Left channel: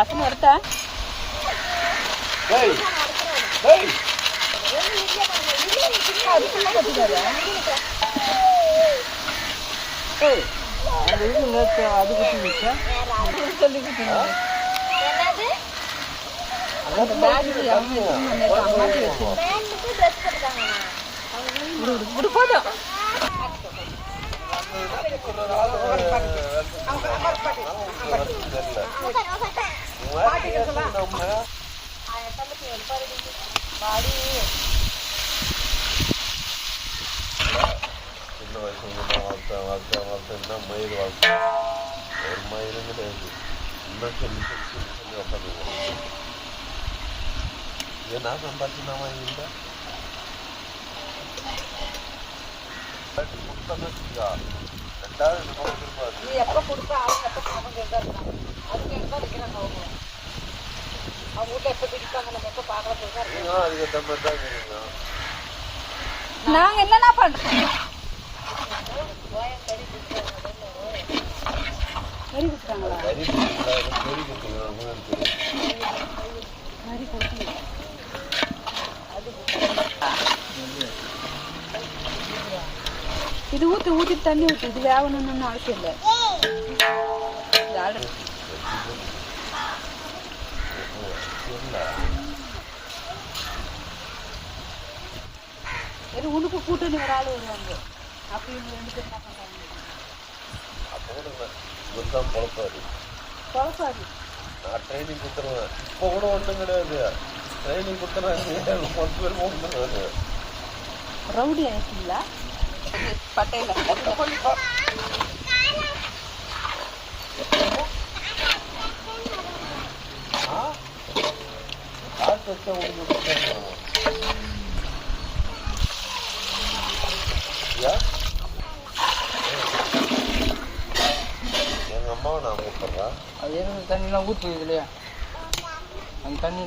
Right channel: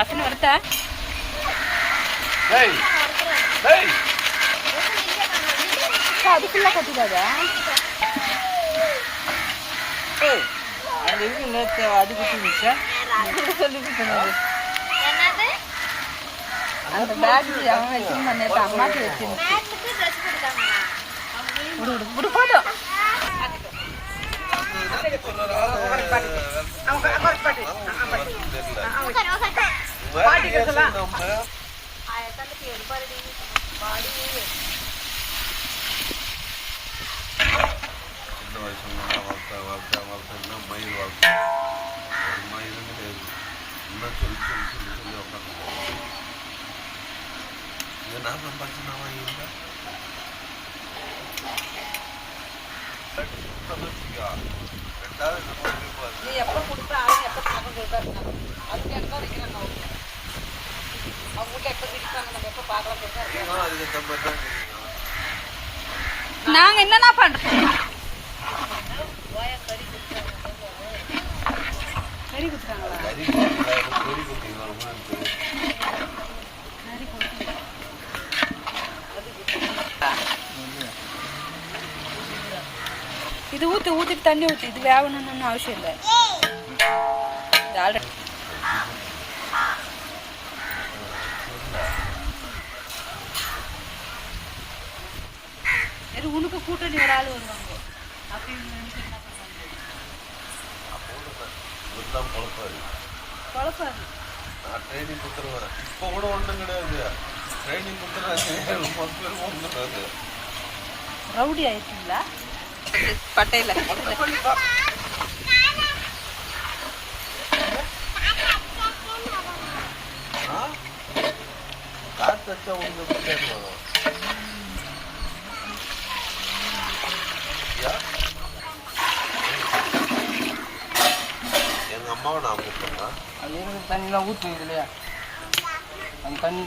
வாசனை வருதா? அதுக்கெல்லாம் கட்டிட்டாரு அந்த இது நேற்று அது குட்டி சொல்லி கொடுத்தது அந்த பேக் அவன் வச்சுருந்தா நேற்று அம்மாக்கு வச்சிருந்தேன் விடு போதும் வாழ்க்கை மயில் வாழ்க்கை ஒரு மயிலும் கிடையாது இன்னும் சொல்லி உட்காந்து நான் சம்பாதிச்சு நான் வாங்கியிருந்தேன் நாங்க என்னன்னா பண்றோம் கறி குத்துறாங்களா இது ஊத்திட்டு தண்ணி ஊற்றி இது வேகணும்னு அவசியம் இல்லை உனக்கு கூட்டணி ஒரு ஆள் வருவாங்க அப்படி இவங்க 2 பேர் என்ன பண்ணுவாங்க பொழப்பாது நான் ட்ரைனிங் கொடுத்துருவேன் இப்போ கூட ஒன்றும் கிடையாது ட்ரைனிங் கொடுத்துருவேன் ரவுடி ஆயிடுச்சுங்களா பட்டையில எங்க அம்மாவை நான் கூப்பிடுறேன் அது எங்க தண்ணிலாம் ஊற்றுது இல்லையா அந்த தண்ணி